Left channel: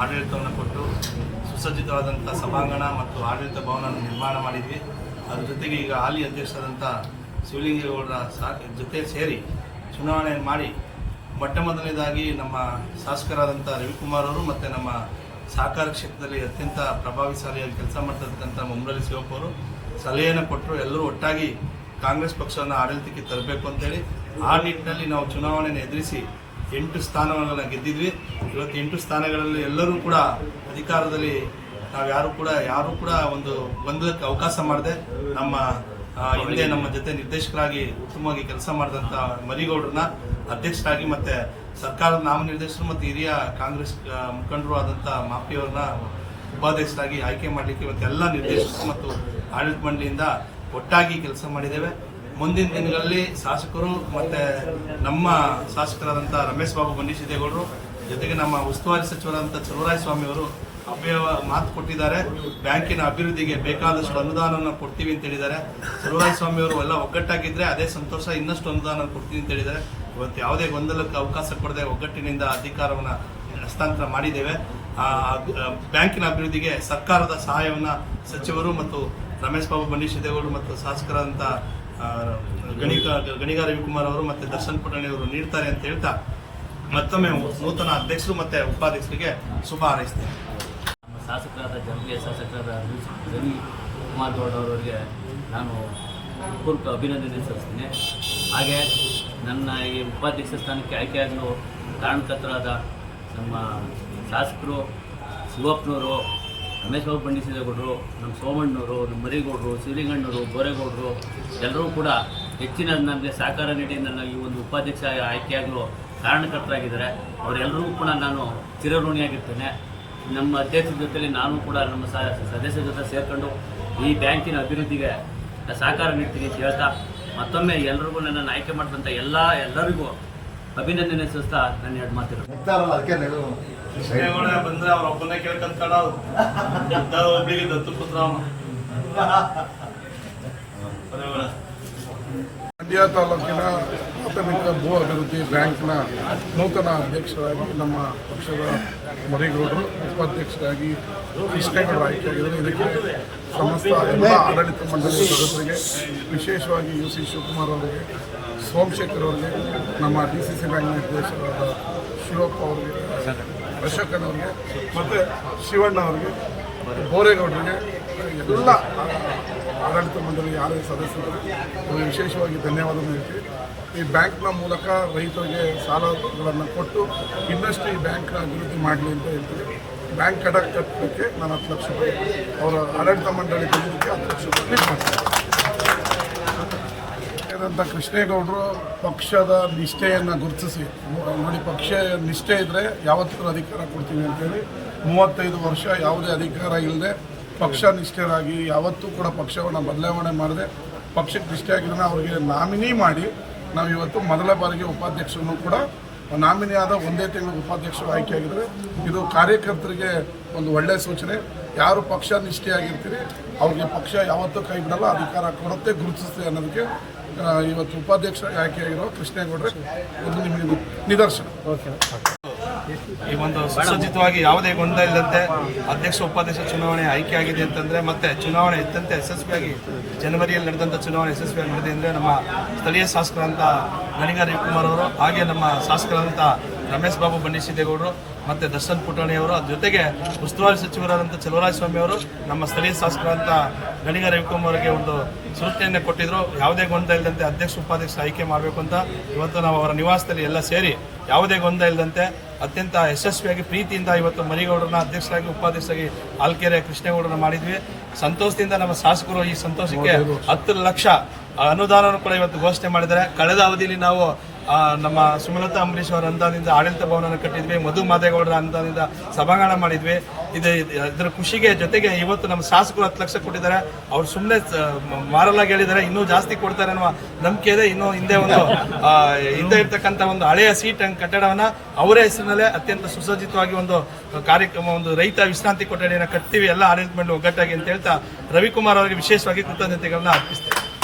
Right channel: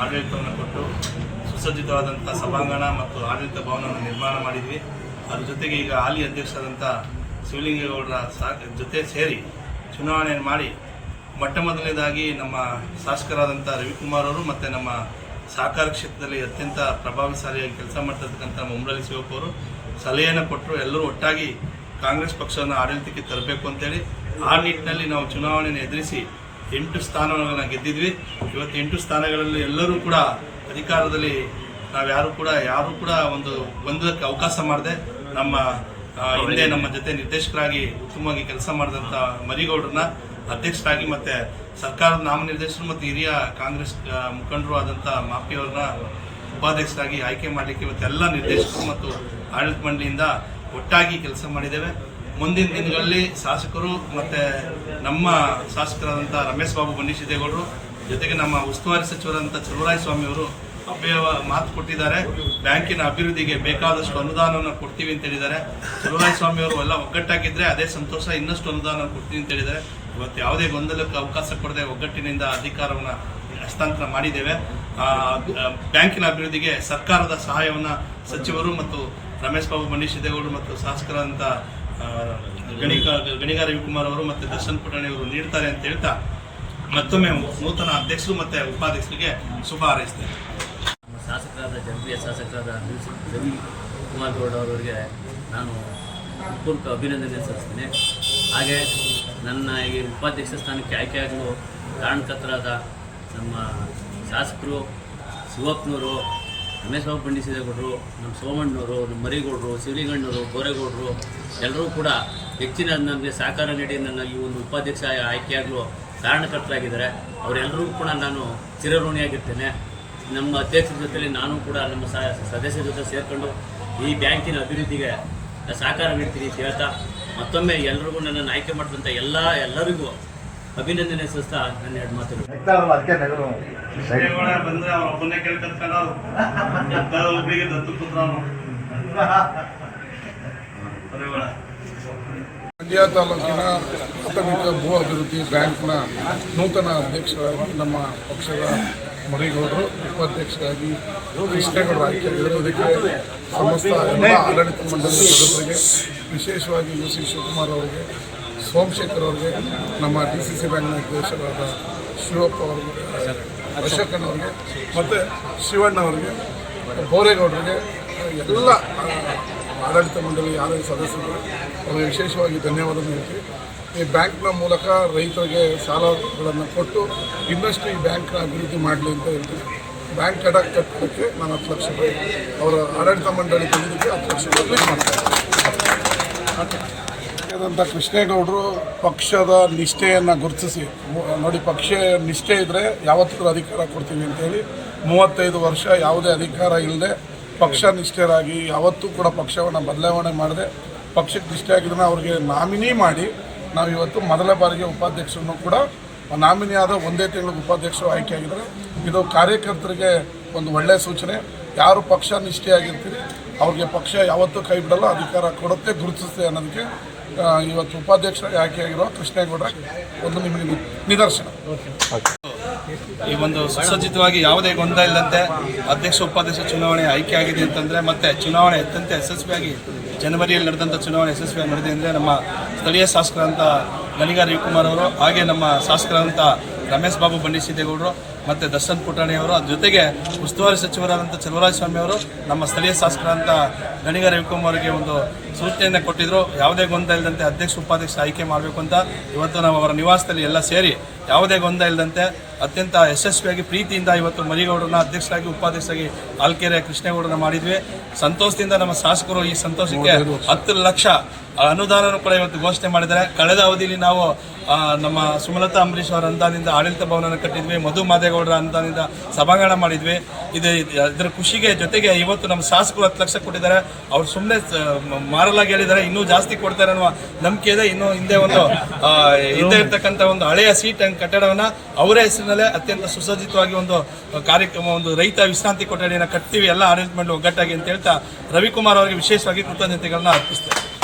ಆಡಳಿತವನ್ನು ಕೊಟ್ಟು ಸುಸಜ್ಜಿತವಾದಂಥ ಸಭಾಂಗಣ ಮತ್ತು ಆಡಳಿತ ಭವನವನ್ನು ನಿರ್ಮಾಣ ಮಾಡಿದ್ವಿ. ಅದ್ರ ಜೊತೆಗೆ ಈಗ ಹಾಲಿ ಅಧ್ಯಕ್ಷರಾದಂಥ ಶಿವಲಿಂಗೇಗೌಡರ ಜೊತೆ ಸೇರಿ ಚುನಾವಣೆಯನ್ನು ಮಾಡಿ ಮೊದಲನೇದಾಗಿ ನಮ್ಮ ಶಾಸಕರಾದಂಥ ರವಿಕುಮಾರ್ ಅವರು ಮತ್ತು ನಮ್ಮ ಸಹಕಾರ ಕ್ಷೇತ್ರದಲ್ಲಿ ಅತ್ಯಂತ ಪ್ರಭಾವಶಾಲಿಯಾಗಿ ಕೆಲಸ ಮಾಡ್ತಿರ್ತಕ್ಕಂಥ ನಮ್ಮ ಉಮ್ರಳ್ಳಿ ಶಿವಪ್ಪ ಅವರು ಸಲಹೆಯನ್ನು ಕೊಟ್ಟರು. ಎಲ್ಲರೂ ಒಟ್ಟಾಗಿ ಕಾಂಗ್ರೆಸ್ ಪಕ್ಷವನ್ನು ಆಡಳಿತಕ್ಕೆ ತರಬೇಕು ಅಂತೇಳಿ ಆ ನಿಟ್ಟಿನಲ್ಲಿ ನಾವು ಚುನಾವಣೆಯನ್ನು ಎದುರಿಸಿ 8 ಸ್ಥಾನಗಳನ್ನು ಗೆದ್ದಿದ್ವಿ. ಇವತ್ತು 8 ಸ್ಥಾನಗಳಲ್ಲಿ ಎಲ್ಲರೂ ಕೂಡ ಅಧಿಕಾರದಲ್ಲಿ ಯಾರು ಕೂಡ ಒಂದು ಗೊಂದಲಕ್ಕೆ ಅವಕಾಶ ಮಾಡದೆ ನಮ್ಮ ಹಿಂದೆ ನಮ್ಮ ಜೊತೆ ನಿರ್ದೇಶಕರಾಗಿ ಉತ್ತಮವಾಗಿ ಕೆಲಸ ಮಾಡಿದಂಥ ಮರಿಗೌಡರನ್ನ ಅಧ್ಯಕ್ಷರಾಗಿ ಮತ್ತು ಸರ್ಕಾರದ ನಾಮನಿರ್ದೇಶಕರು ಮತ್ತು ಹಿರಿಯ ಕಾಂಗ್ರೆಸ್ ಮುಖಂಡರು ಆದಂಥ ಮಾಪಿಯವ್ರನ್ನ ಉಪಾಧ್ಯಕ್ಷರಾಗಿ ಆಯ್ಕೆ ಮಾಡಲಿಕ್ಕೆ ಇವತ್ತೆಲ್ಲ ನಿರ್ದೇಶಕರು ಮತ್ತು ಆಡಳಿತ ಮಂಡಳಿಯಿಂದ ಒಟ್ಟಾಗಿ ಕೆಲಸ ಮಾಡಿದ್ದೇವೆ. ಮುಂದಿನ ದಿನಗಳಲ್ಲಿ ಶಾಸಕರು ಮತ್ತು ನಮ್ಮ ಶಾಸಕರಾದಂಥ ರಮೇಶ್ ಬಾಬು ಬಂಡಿಸಿದ್ದೇಗೌಡರು ಜೊತೆಗೆ ನಮ್ಮ ಉಸ್ತುವಾರಿ ಸಚಿವರಾದಂಥ ಚಲುವರಾಯಸ್ವಾಮಿಯವರು ಮಾತು ಕೊಟ್ಟಿದ್ದಾರೆ. ಬ್ಯಾಂಕಿನ ಅಭಿವೃದ್ಧಿಗೆ ಬೇಕಾದಷ್ಟು ಅನುದಾನವನ್ನು ಕೊಡ್ತೀವಿ ಅಂತ ಹೇಳಿದ್ದಾರೆ. ಚಲುವರಾಯಸ್ವಾಮಿಯವರು ಎಲ್ಲ ಒಗ್ಗಟ್ಟಾಗಿದ್ದರೆ ಅದೇ ಸಂತೋಷ, ಇನ್ನಷ್ಟು ಅನುದಾನ ಕೊಡ್ತೀವಿ ಅಂತ ಹೇಳಿದ್ದಾರೆ. ಇವತ್ತು ಯಾವುದೇ ಗೊಂದಲಕ್ಕೆ ಅವಕಾಶ ಕೊಡದೆ ಒಗ್ಗಟ್ಟಿನಿಂದ ಅಧಿಕಾರವನ್ನು ಹಸ್ತಾಂತರ ಮಾಡಿದ್ದೇವೆ. ಬ್ಯಾಂಕಿನ ಅಭಿವೃದ್ಧಿಗೆ ಸರ್ಕಾರದ ಸಹಾಯವನ್ನು ಸಚಿವರು ಮತ್ತು ರಮೇಶ್ ಬಾಬು ಬಂಡಿಸಿದ್ದೇಗೌಡರು ಮತ್ತು ಶಾಸಕರಾದಂಥ ಗಣಿಗ ರವಿಕುಮಾರ್ ಅವರು ಮತ್ತು ದರ್ಶನ್ ಪುಟಾಣಿಯವರು ನೀಡ್ತಾರೆ ಅಂತ ಹೇಳ್ತಾ ಮತ್ತೊಮ್ಮೆ ನೂತನ ಅಧ್ಯಕ್ಷರು ಮತ್ತು ಉಪಾಧ್ಯಕ್ಷರಿಗೆ ಶುಭ ಹಾರೈಸ್ತೇನೆ. ನಮ್ಮ ಶಾಸಕರಾದ ಜನಪ್ರಿಯ ಶಾಸಕರಾದ ರವಿಕುಮಾರ್ ಗೌಡ ಅವರಿಗೆ ನಾನು ಪೂರ್ವಕ ಅಭಿನಂದನೆ ಸಲ್ಲಿಸ್ತೀನಿ. ಹಾಗೆ ನನ್ನ ಈ ಉಪಾಧ್ಯಕ್ಷ ಸ್ಥಾನಕ್ಕೆ ಆಯ್ಕೆಯಾಗಲು ಕಾರಣಕರ್ತರಾದ ನಮ್ಮ ಶಾಸಕರು ಶಿವಪ್ಪನವರು, ರಮೇಶ್ ಬಾಬು ಬಂಡಿಸಿದ್ದೇಗೌಡರು, ನಮ್ಮ ಸೋಮಣ್ಣವರು, ನಮ್ಮ ಮರಿಗೌಡರು, ಶಿವಲಿಂಗಣ್ಣವರು, ಬೋರೇಗೌಡರು ಎಲ್ಲರೂ ಕೂಡ ಹೆಚ್ಚಿನ ನನಗೆ ಸಹಕಾರ ನೀಡಿ ನನ್ನ ಈ ಒಂದು ಉಪಾಧ್ಯಕ್ಷ ಆಯ್ಕೆಯಾಗಲು ಕಾರಣಕರ್ತರಾಗಿದ್ದಾರೆ. ಅವರೆಲ್ಲರೂ ಕೂಡ ನಾನು ಚಿರಋಣಿಯಾಗಿರ್ತೇನೆ. ನಮ್ಮ ಅಧ್ಯಕ್ಷರ ಜೊತೆಯಲ್ಲಿ ನಾನು ಕೂಡ ನಮ್ಮ ಸದಸ್ಯರ ಜೊತೆ ಸೇರಿಕೊಂಡು ಈ ಬ್ಯಾಂಕಿನ ಅಭಿವೃದ್ಧಿಗೆ ಸಹಕಾರ ನೀಡ್ತೀನಿ ಅಂತ ಹೇಳ್ತಾ ಮತ್ತೊಮ್ಮೆ ಎಲ್ಲರಿಗೂ ನನ್ನನ್ನು ಆಯ್ಕೆ ಮಾಡಿದಂಥ ಎಲ್ಲರಿಗೂ ಅಭಿನಂದನೆ ಸಲ್ಲಿಸ್ತಾ ನನ್ನ 2 ಮಾತುಗಳು. ಬಂದ್ರೆ ಅವ್ರ ಒಬ್ಬನೇ ಕೇಳ್ಕೊಂತ ಒಬ್ಬರಿಗೆ ದತ್ತು ಪುತ್ರ ಮಂಡ್ಯ ತಾಲೂಕಿನ ಪ್ರಾಥಮಿಕ ಭೂ ಅಭಿವೃದ್ಧಿ ಬ್ಯಾಂಕ್ನ ನೂತನ ಅಧ್ಯಕ್ಷರಾಗಿ ನಮ್ಮ ಪಕ್ಷದ ಮರಿಗೌಡರು, ಉಪಾಧ್ಯಕ್ಷರಾಗಿ ಕೃಷ್ಣೇಗೌಡರು ಆಯ್ಕೆಯಾಗಿದ್ದಾರೆ. ಇದಕ್ಕೆ ಸಮಸ್ತ ಎಲ್ಲ ಆಡಳಿತ ಮಂಡಳಿಯ ಸದಸ್ಯರಿಗೆ, ವಿಶೇಷವಾಗಿ UC ಶಿವಕುಮಾರ್ ಅವರಿಗೆ, ಸೋಮಶೇಖರ್ ಅವರಿಗೆ, ನಮ್ಮ DCC ಬ್ಯಾಂಕ್ನ ನಿರ್ದೇಶಕರಾದ ಶಿವಪ್ಪ ಅವರಿಗೆ, ಅಶೋಕನವ್ರಿಗೆ ಮತ್ತು ಶಿವಣ್ಣವರಿಗೆ, ಬೋರೇಗೌಡರಿಗೆ, ಎಲ್ಲ ಆಡಳಿತ ಮಂಡಳಿ ಯಾರೇ ಸದಸ್ಯರು ಅವರಿಗೆ ವಿಶೇಷವಾಗಿ ಧನ್ಯವಾದವನ್ನು ಹೇಳ್ತೀವಿ. ಈ ಬ್ಯಾಂಕ್ನ ಮೂಲಕ ರೈತರಿಗೆ ಸಾಲಗಳನ್ನು ಕೊಟ್ಟು ಇನ್ನಷ್ಟು ಈ ಬ್ಯಾಂಕ್ನ ಅಭಿವೃದ್ಧಿ ಮಾಡಲಿ ಅಂತ ಹೇಳ್ತೀನಿ. ಬ್ಯಾಂಕ್ ಕಟ್ಟೋಕ್ಕೆ ನಾನು 10 ಲಕ್ಷ ರೂಪಾಯಿ, ಅವರ ಆಡಳಿತ ಮಂಡಳಿ ತೆಗೆದಕ್ಕೆ 10 ಲಕ್ಷ ರೂಪಾಯಿ ಕ್ಲಿಕ್ ಮಾಡ್ತಾರೆ. ಆದಂಥ ಕೃಷ್ಣೇಗೌಡರು ಪಕ್ಷದ ನಿಷ್ಠೆಯನ್ನು ಗುರುತಿಸಿ ನೋಡಿ, ಪಕ್ಷ ನಿಷ್ಠೆ ಇದ್ದರೆ ಯಾವತ್ತಿಗೂ ಅಧಿಕಾರ ಕೊಡ್ತೀವಿ ಅಂತೇಳಿ 35 ವರ್ಷ ಯಾವುದೇ ಅಧಿಕಾರ ಇಲ್ಲದೆ ಪಕ್ಷ ನಿಷ್ಠರಾಗಿ ಯಾವತ್ತೂ ಕೂಡ ಪಕ್ಷವನ್ನು ಬದಲಾವಣೆ ಮಾಡದೆ ಪಕ್ಷಕ್ಕೆ ನಿಷ್ಠೆ ಆಗಿದ್ದನ್ನು ಅವರಿಗೆ ನಾಮಿನಿ ಮಾಡಿ ನಾವು ಇವತ್ತು ಮೊದಲ ಬಾರಿಗೆ ಉಪಾಧ್ಯಕ್ಷರನ್ನು ಕೂಡ ನಾಮಿನಿ ಆದ 1 ತಿಂಗಳಿಗೆ ಉಪಾಧ್ಯಕ್ಷರು ಆಯ್ಕೆಯಾಗಿದ್ದಾರೆ. ಇದು ಕಾರ್ಯಕರ್ತರಿಗೆ ಒಂದು ಒಳ್ಳೆಯ ಸೂಚನೆ. ಯಾರು ಪಕ್ಷ ನಿಷ್ಠೆಯಾಗಿರ್ತೀರಿ ಅವ್ರಿಗೆ ಪಕ್ಷ ಯಾವತ್ತೂ ಕೈ ಬಿಡಲ್ಲ, ಅಧಿಕಾರ ಕೊಡುತ್ತೆ, ಗುರುತಿಸುತ್ತೆ ಅನ್ನೋದಕ್ಕೆ ಇವತ್ತು ಉಪಾಧ್ಯಕ್ಷರಾಗಿ ಆಯ್ಕೆಯಾಗಿರೋ ಕೃಷ್ಣೇಗೌಡರ ಒಂದು ನಿಮಗೆ ನಿದರ್ಶನ. ಈ ಒಂದು ಸುಸಜ್ಜಿತವಾಗಿ ಯಾವುದೇ ಗೊಂದಲ ಇಲ್ಲದಂತೆ ಅಧ್ಯಕ್ಷ ಉಪಾಧ್ಯಕ್ಷ ಚುನಾವಣೆ ಆಯ್ಕೆ ಆಗಿದೆ ಅಂತಂದರೆ, ಮತ್ತೆ ಚುನಾವಣೆ ಅತ್ಯಂತ ಯಶಸ್ವಿಯಾಗಿ ಜನವರಿಯಲ್ಲಿ ನಡೆದಂಥ ಚುನಾವಣೆ ಯಶಸ್ವಿಯಾಗಿ ನಡೆದಿದೆ ಅಂದರೆ ನಮ್ಮ ಸ್ಥಳೀಯ ಶಾಸಕರಂಥ ಗಣಿಗ ರವಿಕುಮಾರ್ ಅವರು, ಹಾಗೆ ನಮ್ಮ ಶಾಸಕರಂಥ ರಮೇಶ್ ಬಾಬು ಬಂಡಿಸಿದ್ದೇಗೌಡರು ಮತ್ತು ದರ್ಶನ್ ಪುಟಾಣಿಯವರು, ಅದ್ರ ಜೊತೆಗೆ ಉಸ್ತುವಾರಿ ಸಚಿವರಾದಂಥ ಚಲುವರಾಯಸ್ವಾಮಿ ಅವರು ನಮ್ಮ ಸ್ಥಳೀಯ ಶಾಸಕರಂಥ ಗಣಿಗ ರವಿಕುಮಾರ್ ಅವರಿಗೆ ಒಂದು ಸೂಚನೆಯನ್ನು ಕೊಟ್ಟಿದ್ದರು. ಯಾವುದೇ ಗೊಂದಲ ಇಲ್ಲದಂತೆ ಅಧ್ಯಕ್ಷ ಉಪಾಧ್ಯಕ್ಷ ಆಯ್ಕೆ ಮಾಡಬೇಕು ಅಂತ ಇವತ್ತು ನಾವು ಅವರ ನಿವಾಸದಲ್ಲಿ ಎಲ್ಲ ಸೇರಿ ಯಾವುದೇ ಗೊಂದಲ ಇಲ್ಲದಂತೆ ಅತ್ಯಂತ ಯಶಸ್ವಿಯಾಗಿ ಪ್ರೀತಿಯಿಂದ ಇವತ್ತು ಮರಿಗೌಡರನ್ನ ಅಧ್ಯಕ್ಷರಾಗಿ ಉಪಾಧ್ಯಕ್ಷರಾಗಿ ಆಲ್ಕೆರೆ ಕೃಷ್ಣೇಗೌಡರನ್ನ ಮಾಡಿದ್ವಿ. ಸಂತೋಷದಿಂದ ನಮ್ಮ ಶಾಸಕರು ಈ ಸಂತೋಷಕ್ಕೆ 10 ಲಕ್ಷ ಅನುದಾನವನ್ನು ಕೂಡ ಇವತ್ತು ಘೋಷಣೆ ಮಾಡಿದ್ದಾರೆ. ಕಳೆದ ಅವಧಿಯಲ್ಲಿ ನಾವು ನಮ್ಮ ಸುಮಲತಾ ಅಂಬರೀಶ್ ಅವರ ಅನುದಾನದಿಂದ ಆಡಳಿತ ಭವನವನ್ನು ಕಟ್ಟಿದ್ವಿ, ಮಧು ಮಾದೇಗೌಡರ ಅನುದಾನದಿಂದ ಸಭಾಂಗಣ ಮಾಡಿದ್ವಿ. ಇದರ ಖುಷಿಗೆ ಜೊತೆಗೆ ಇವತ್ತು ನಮ್ಮ ಶಾಸಕರು 10 ಲಕ್ಷ ಕೊಟ್ಟಿದ್ದಾರೆ. ಅವ್ರು ಸುಮ್ಮನೆ ಮಾರಲಾಗಿ ಹೇಳಿದ್ದಾರೆ, ಇನ್ನೂ ಜಾಸ್ತಿ ಕೊಡ್ತಾರೆ ಅನ್ನುವ ನಂಬಿಕೆ ಇದೆ. ಇನ್ನೂ ಹಿಂದೆ ಇರ್ತಕ್ಕಂಥ ಒಂದು ಹಳೆಯ ಸೀಟ್ ಕಟ್ಟಡವನ್ನು ಅವರೇ ಹೆಸರಿನಲ್ಲೇ ಅತ್ಯಂತ ಸುಸಜ್ಜಿತವಾಗಿ ಒಂದು ಕಾರ್ಯಕ್ರಮ, ಒಂದು ರೈತ ವಿಶ್ರಾಂತಿ ಕೊಠಡಿಯನ್ನು ಕಟ್ತೀವಿ ಎಲ್ಲ ಆಡಳಿತ ಮಂಡಳಿ ಒಗ್ಗಟ್ಟಾಗಿ ಅಂತ ಹೇಳ್ತಾ ರವಿಕುಮಾರ್ ಅವರಿಗೆ ವಿಶೇಷವಾಗಿ ಕೃತಜ್ಞತೆಗಳನ್ನ ಅರ್ಪಿಸ್ತೇವೆ.